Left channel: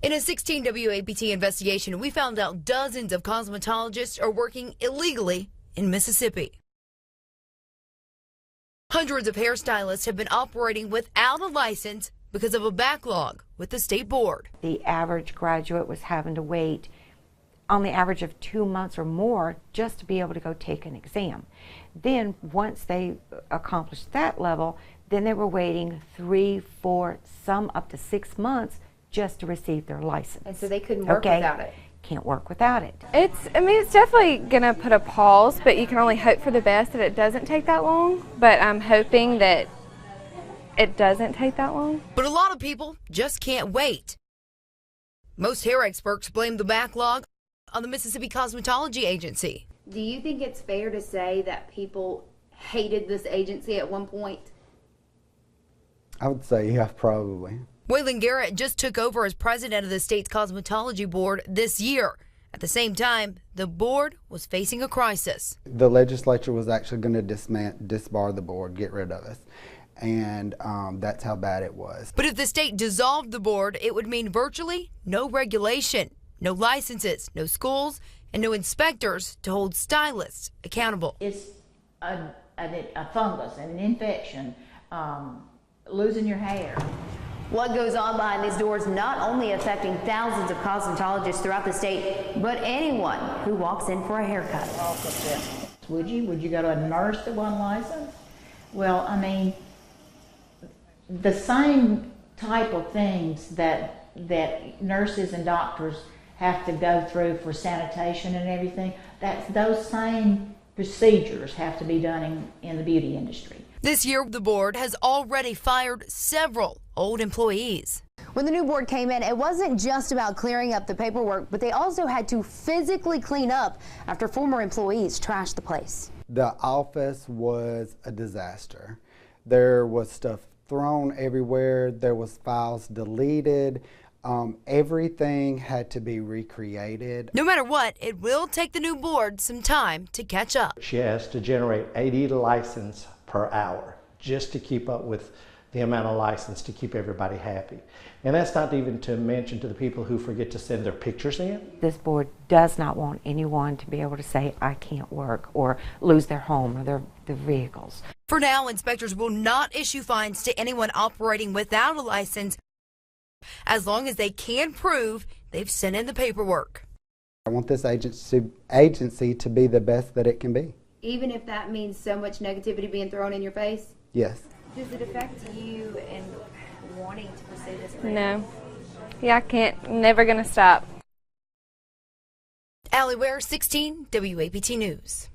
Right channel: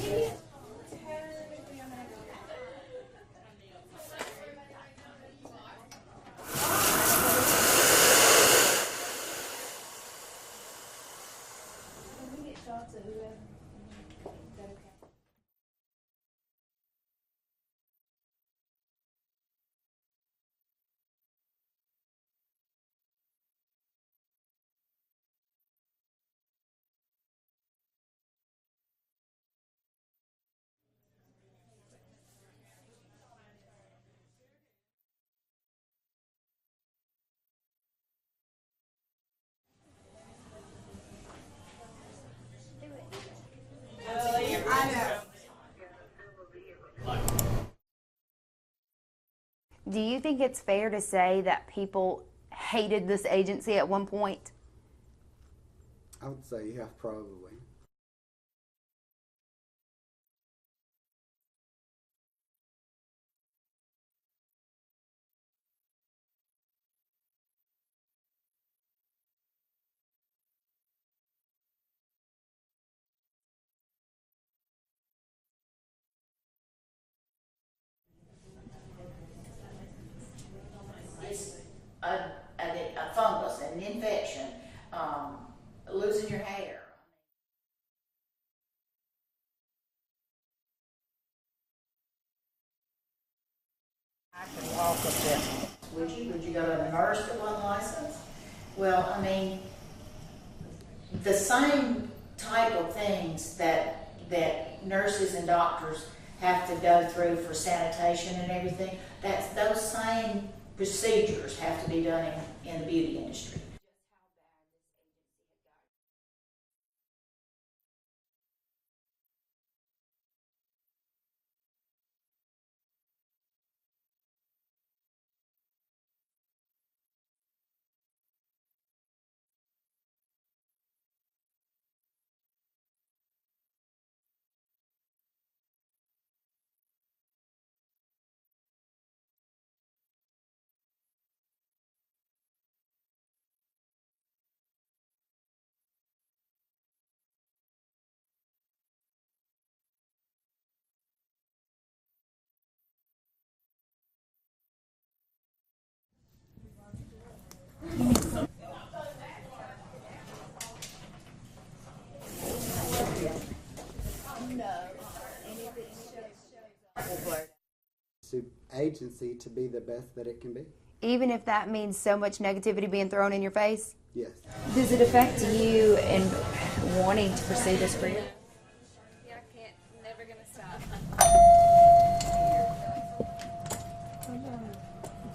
In a 16 WAPT investigation, we found out dozens of cosmetologists are working illegally in Mississippi. Hundreds of hairstylists have been operating without a license because of a backlog with the state board. The average graduate was having to wait on the average of 2 months or more just to be able to go take an exam. Then once they accomplished that level, then they were waiting 3, 4, some up to 6 months just to receive their license. And so they couldn't work without it. Can't work without it. I mean, it's definitely gonna put a pause, but you can only hope for the best that it doesn't take that long. But I'm hoping that it doesn't take that long. But a lot of people just can't wait. Most hair experts blame the backlog on the Mississippi Cosmetology Agency. Do you think it's fair to say that people hated this agency at one point? I would say, yeah, probably. Waylon Garrett just took over as president of the state's cosmetology board this year. At the same time, the board was facing a crisis. The legislature was actually going to disbar the board, get rid of us. And that's how bad it was. But if the state dissolved the board, it would mean virtually no regulation, no licenses, no schools, and no inspectors to hold stylists accountable. It's a fungus, an infection, losing your hair. What goes on behind these doors not only affecting thousands of cosmetologists throughout the state, but anyone who walks in for a haircut. Would you? Would you go to a nurse that wasn't licensed? Well, I mean, the same type of things that nurses and doctors have to go through for sanitation and everything, those same procedures have to be done in the beauty industry. This year, the board has already fired several old employees. When the new board came in, it wasn't just about clearing up the paperwork, but they also had to physically clean up after former employees trashed the place. The office was a disaster. There was stuff thrown everywhere. There was files deleted. Everything had to be recreated. No matter what, it will take the new board some time to catch up. She has to generate 80 licenses per hour just to keep up with the amount of license to keep everybody happy. And that's not even to mention to the people who forget to send their pictures in. This board does not want anyone to be able to say, I can't work, or lose their home or their vehicles. For now, inspectors will not issue fines to anyone operating without a license as long as they can prove they've sent in the paperwork. I want this agency to be the best that it can be. Even if that means so much negativity being thrown in your face? Yes. Does it affect you in wanting to pursue this career? No. Yeah, I can't. Never gonna stop. Allie Ware, 16 WAPT News.